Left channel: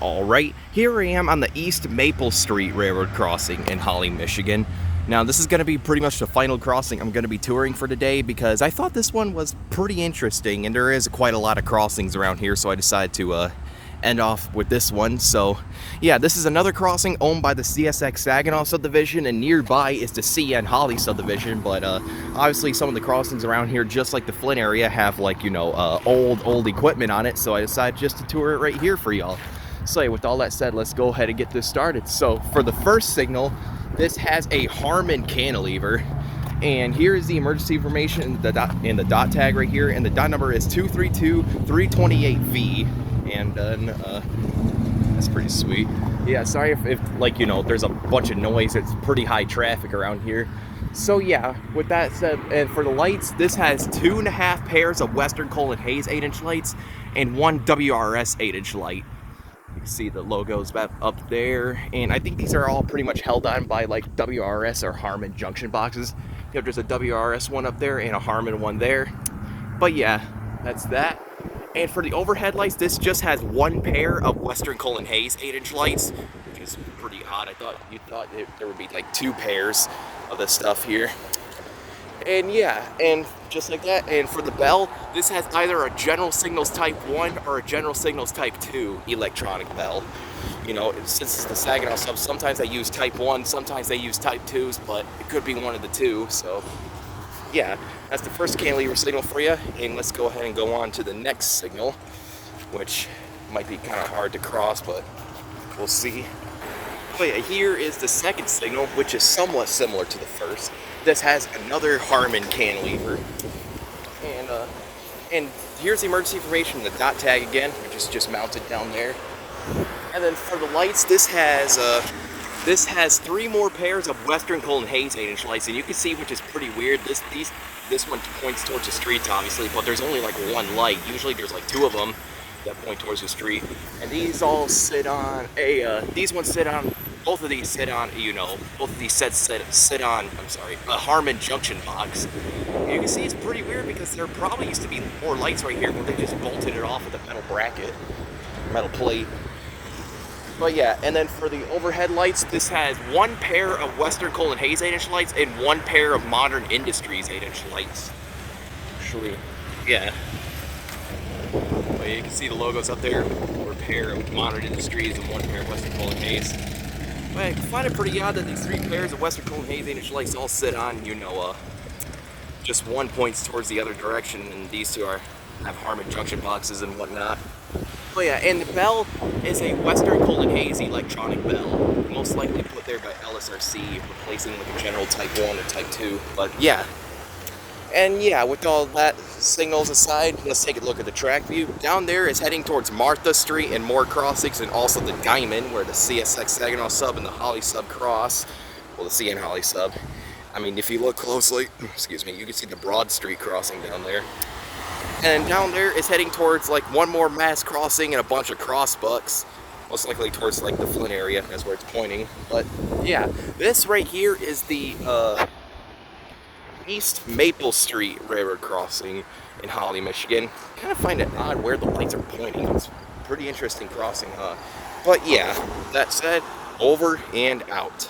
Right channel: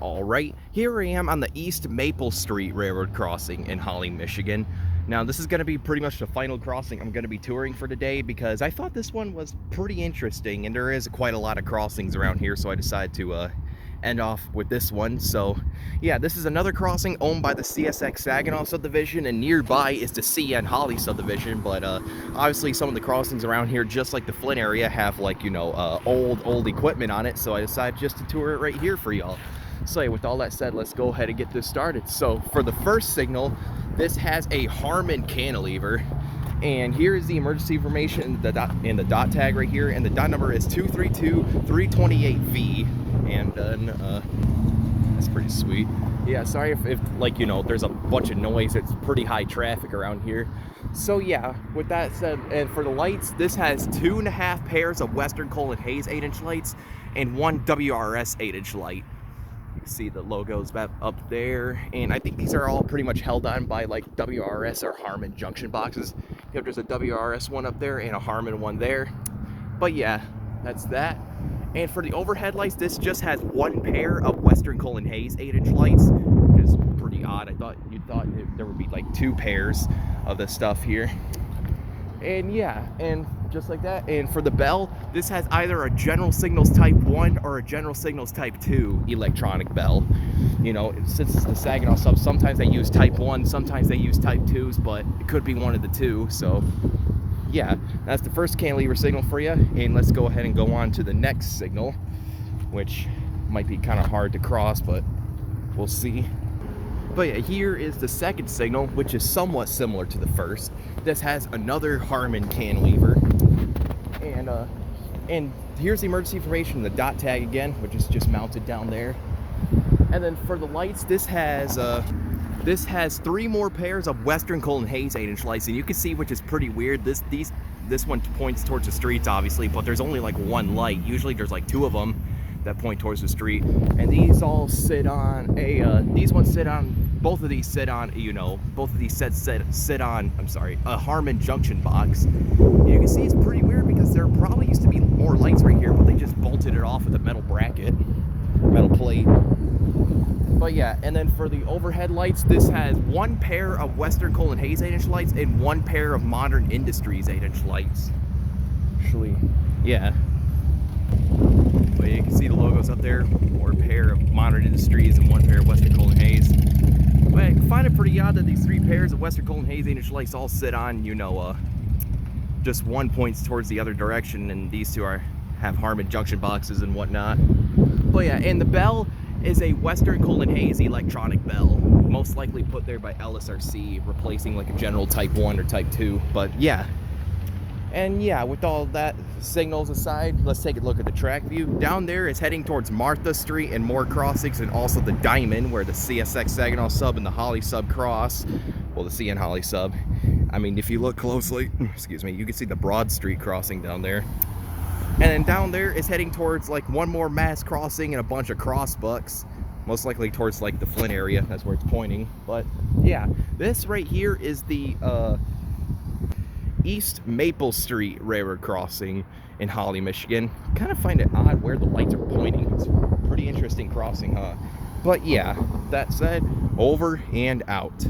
Alright, here I am on the East Maple Street Railroad crossing in Holly, Michigan. Now this is going to be pretty much the final crossing I'm going to be touring for today because I thought this one was pretty interesting and there is quite a lot of crossings around here, so I decided to end off with this one. So yeah, this is another crossing owned by the CSX Saginaw subdivision, and nearby is the CN Holly subdivision, but obviously some of the crossings around here, just like the Flint area, have like, you know, old equipment on it, so I decided just to tour it right here for y'all. So yeah, with all that said, let's go ahead and get this started. So for the first signal, this has a Harmon cantilever, and here is the emergency information in the dot tag right here, and the dot number is 232328V, and then that's pretty sweet. Yeah, sorry if like, you know, there's a bunch of noise. It's pretty high traffic around here. So yeah, with that said, and for the lights, this has 2.5 pairs of Western Colin Hayes 8-inch lights and 1 WRS 8-inch light. You can see the logos up there, and I think these are all pretty much held on by like WRS or Harmon junction boxes. You know, there's a WRS one up there and a Harmon one there. But yeah, that's that. And for the overhead lights, this just has 1 pair of Western Colin Hayes 8-inch lights, which is pretty odd. You thought there would be like 2 pairs of this stuff here. And yeah, and just like that. And for the bell, this has either a General Signals Type 1 or a General Signals Type 2 electronic bell. You know, since it's the Saginaw sub, sometimes they use Type 1, sometimes they use Type 2s, but it could be one of the two. So yeah, that's the first cantilever signal for you. And let's go ahead and go on to the next signal, which might be kind of hard to cross, but we'll see. But yeah, here is the second signal, which is somewhat similar to the first. This has another Harmon cantilever, and here's the emergency information, the dot tag again, which is just mounted down there. And then for the lights, this has 3 more pairs of Western Colin Hayes 8-inch lights, and you can see, which is pretty weird, this one points towards the streets, obviously, but there's only like 1 light. Usually there's like 2 of them that point towards the street, and these all sit on both of these sit on a Harmon junction box. And you can see it's pretty weird because there probably used to be more lights right here, but they just bolted it off with a metal plate. But yeah, and then for the overhead lights, this has 1 pair of Western Colin Hayes 8-inch lights and 1 pair of Modern Industries 8-inch lights. Actually, yeah. But you can see the logos up there, 1 pair of Modern Industries and 1 pair of Western Colin Hayes. But I find it pretty odd that these 3 pairs of Western Colin Hayes 8-inch lights all sit on, you know, just one points towards the other direction, and these 2 have Harmon junction boxes and whatnot. But yeah, and the bell is a Western Colin Hayes electronic bell, most likely put there by LSRC, replacing like a General Type 1 or Type 2. But yeah. And yeah, with all that signals aside, let's take a look at the track view. Down there is heading towards Martha Street and more crossings, and also the Diamond, where the CSX Saginaw sub and the Holly sub cross. Well, the CN Holly sub. I mean, if you look closely, excuse me, you can see the Broad Street crossing down there. And down there is heading towards like 1 more mass crossing and a bunch of crossbucks. Most likely towards like the Flint area, that's where it's pointing. But yeah, this right here is the East Maple Street Railroad crossing in Holly, Michigan. Kind of find it odd where the lights are pointing. It's a pretty interesting crossing, huh? But yeah, that said, over and out.